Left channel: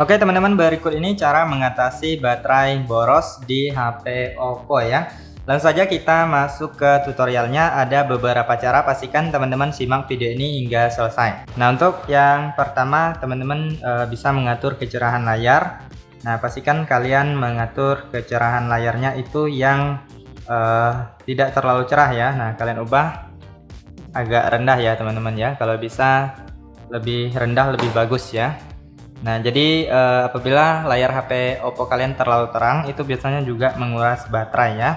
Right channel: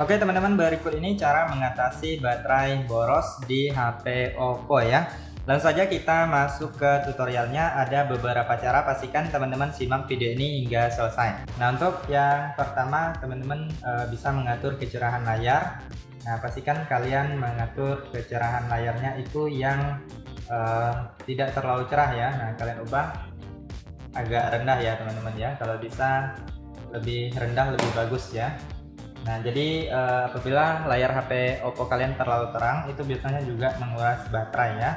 Oke teman-teman, berikut ini cara mengatasi baterai boros di HP Oppo ya. Langsung saja kita masuk ke tutorialnya. Ada beberapa cara, pastikan teman-teman simak video ini hingga selesai. Nah, untuk yang pertama teman-teman bisa mengatur kecerahan layar. Nah, pastikan kalian mengatur kecerahan layarnya itu yang tidak terlalu cerah ya. Nah, kalian ubah agak rendah ya teman-teman ya. Kalau bisa lebih rendah lebih bagus ya. Nah, jadi apabila layar HP Oppo kalian terlalu terang, itu biasanya juga menguras baterai ya.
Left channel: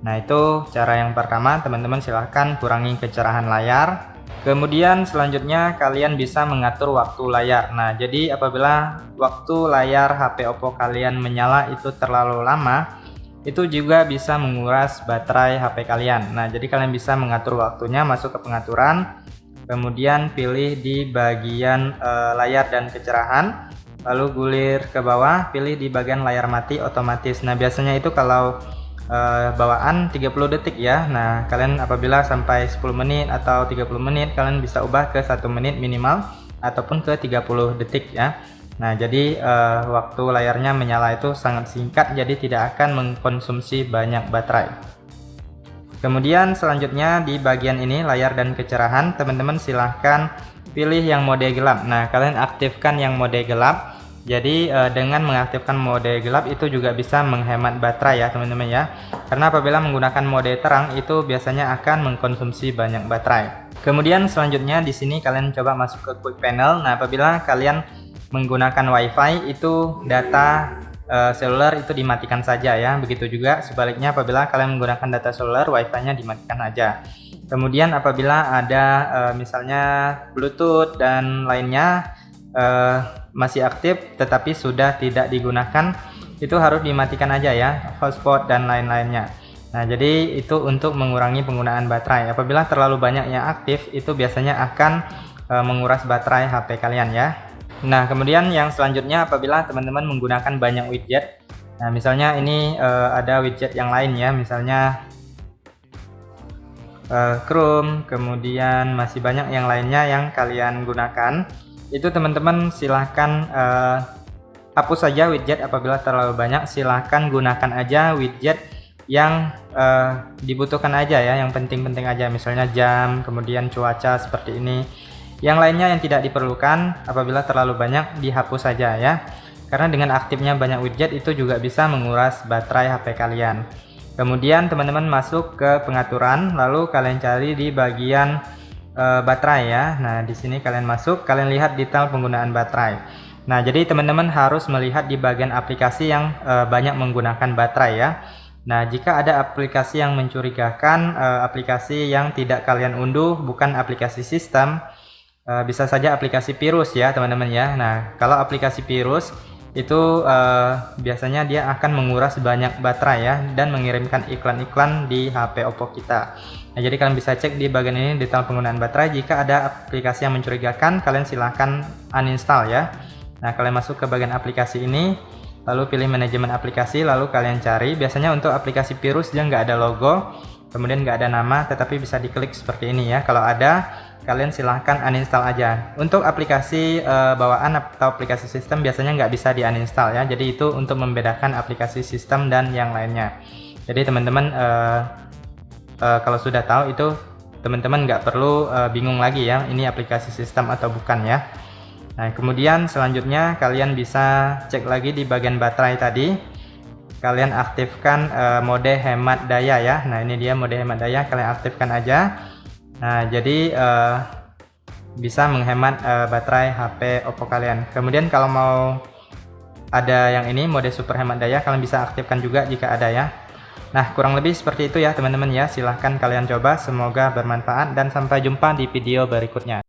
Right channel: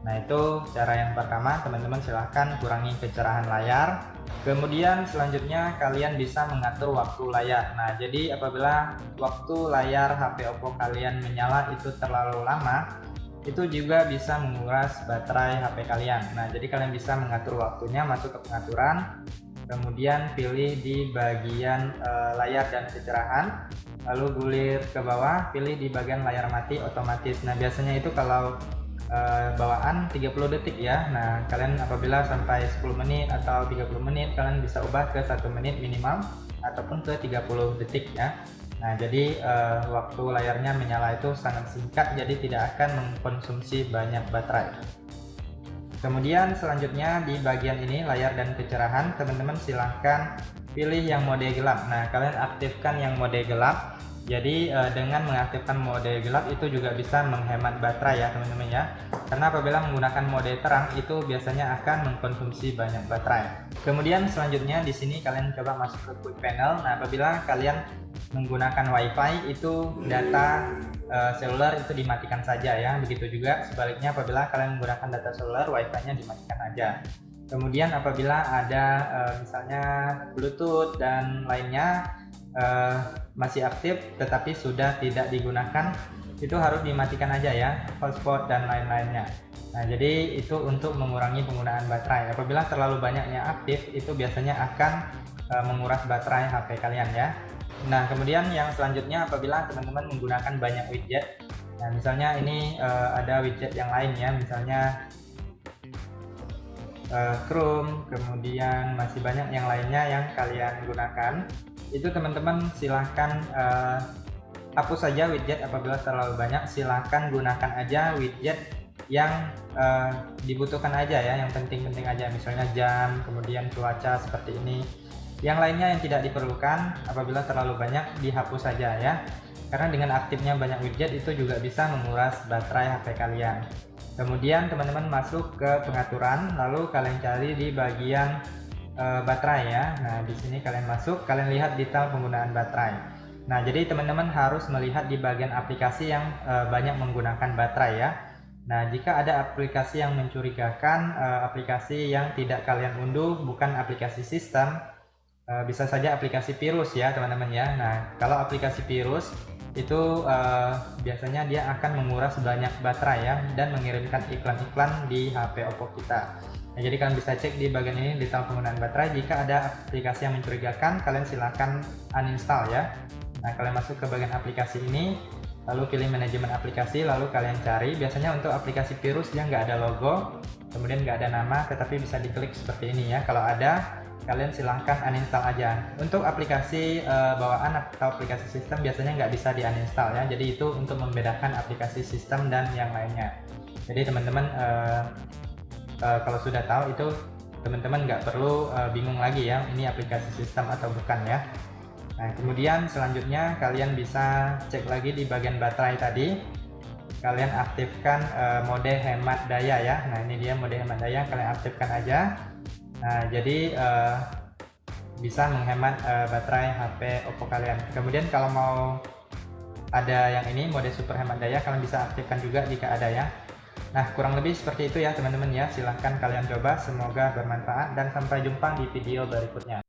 Nah, itu cara yang pertama, teman-teman silahkan kurangi kecerahan layar. Kemudian selanjutnya kalian bisa mengatur waktu layar. Nah, jadi apabila waktu layar HP Oppo kalian menyala itu terlalu lama, itu juga bisa menguras baterai HP kalian. Nah, jadi kalian bisa mengatur waktunya, masuk ke pengaturan, kemudian pilih di bagian layar dan kecerahan, lalu gulir ke bawah, pilih di bagian layar mati otomatis. Nah, biasanya itu kalau bawaan 30 detik ya. Nah, kalian apabila sampai 10 menit atau 30 menit, kalian bisa ubah ke 1 menit minimal ataupun ke 30 detik ya. Nah, jadi waktu layarnya menyala itu sangat singkat, jadi tidak akan mengkonsumsi banyak baterai. Kemudian selanjutnya di bagian ini layar dan kecerahan, teman-teman silahkan pilih yang mode gelap. Nah, kalian aktifkan yang mode gelap. Jadi dengan mengaktifkan mode gelap itu juga bisa menghemat baterai ya teman-teman ya. Karena apabila menggunakan mode terang itu biasanya akan mengkonsumsi banyak baterai. Kemudian selanjutnya di sini kalian coba masuk ke quick panel. Nah, apabila kalian menggunakan WiFi itu data seluler itu dimatikan saja ya. Begitu juga sebaliknya apabila kalian menggunakan data seluler, wifi-nya dimatikan aja. Kemudian apabila ada misalnya Bluetooth dan lainnya masih aktif tetapi sudah tidak digunakan, itu harus dimatikan aja ya, hotspot dan lain-lainnya. Nah, jadi itu untuk mengurangi penggunaan baterai. Apabila terlalu banyak yang aktif, itu biasanya akan menguras baterai HP kalian ya. Nah, kemudian yang selanjutnya apabila teman-teman menggunakan banyak widget. Nah, misalnya ini ada widget yang lain ya, misalnya Chrome, kemudian masih banyak yang lainnya yang kalian gunakan. Itu teman-teman silahkan hapus saja widget apabila terlalu banyak. Silahkan gunakan aja widget yang dibutuhkan aja ya, yang penting-penting aja, misalnya jam, kemudian cuaca seperti ini. Yang lainnya yang tidak diperlukan apabila terlalu banyak dihapus saja ya. Karena dengan aktifnya banyak widget itu juga bisa menguras baterai HP kalian. Kemudian teman-teman masuk ke pengaturan, lalu kalian cari di bagian baterai ya. Nah, di sini kalian masuk, kalian lihat detail penggunaan baterai. Nah, jadi teman-teman harus melihat di bagian aplikasi yang banyak menggunakan baterai ya. Nah, jika ada aplikasi yang mencurigakan, aplikasi yang tidak kalian unduh bukan aplikasi sistem, bisa saja aplikasi virus ya teman-teman ya. Nah, kalau aplikasi virus itu biasanya dia akan menguras banyak baterai ya dan mengirimkan iklan-iklan di HP Oppo kita. Nah, jadi kalian bisa cek di bagian ini detail penggunaan baterai. Jika ada aplikasi yang mencurigakan, kalian silahkan uninstall ya. Nah, kalian masuk ke bagian aplikasi ini, lalu pilih manajemen aplikasi, lalu kalian cari. Biasanya untuk aplikasi virus dia nggak ada logo, kemudian nggak ada nama, tetapi bisa diklik seperti ini ya. Kalau ada, kalian silahkan uninstall aja. Untuk aplikasi bawaan atau aplikasi sistem biasanya nggak bisa di uninstall ya. Jadi itu untuk membedakan aplikasi sistem dan yang lainnya. Jadi teman-teman kalau sudah tahu itu, teman-teman nggak perlu bingung lagi ya, ini aplikasi sistem atau bukan ya. Nah, kemudian selanjutnya kalian bisa cek lagi di bagian baterai tadi. Kalian aktifkan mode hemat daya ya. Nah, ini dia mode hemat daya, kalian aktifkan aja. Nah, jadi bisa menghemat baterai HP Oppo kalian. Kemudian kalau mau ada yang ini mode super hemat daya, kalian bisa aktifkan juga jika ada ya. Nah, kurang lebih seperti itu ya teman-teman ya. Silahkan kalian coba, semoga bermanfaat dan sampai jumpa di video berikutnya.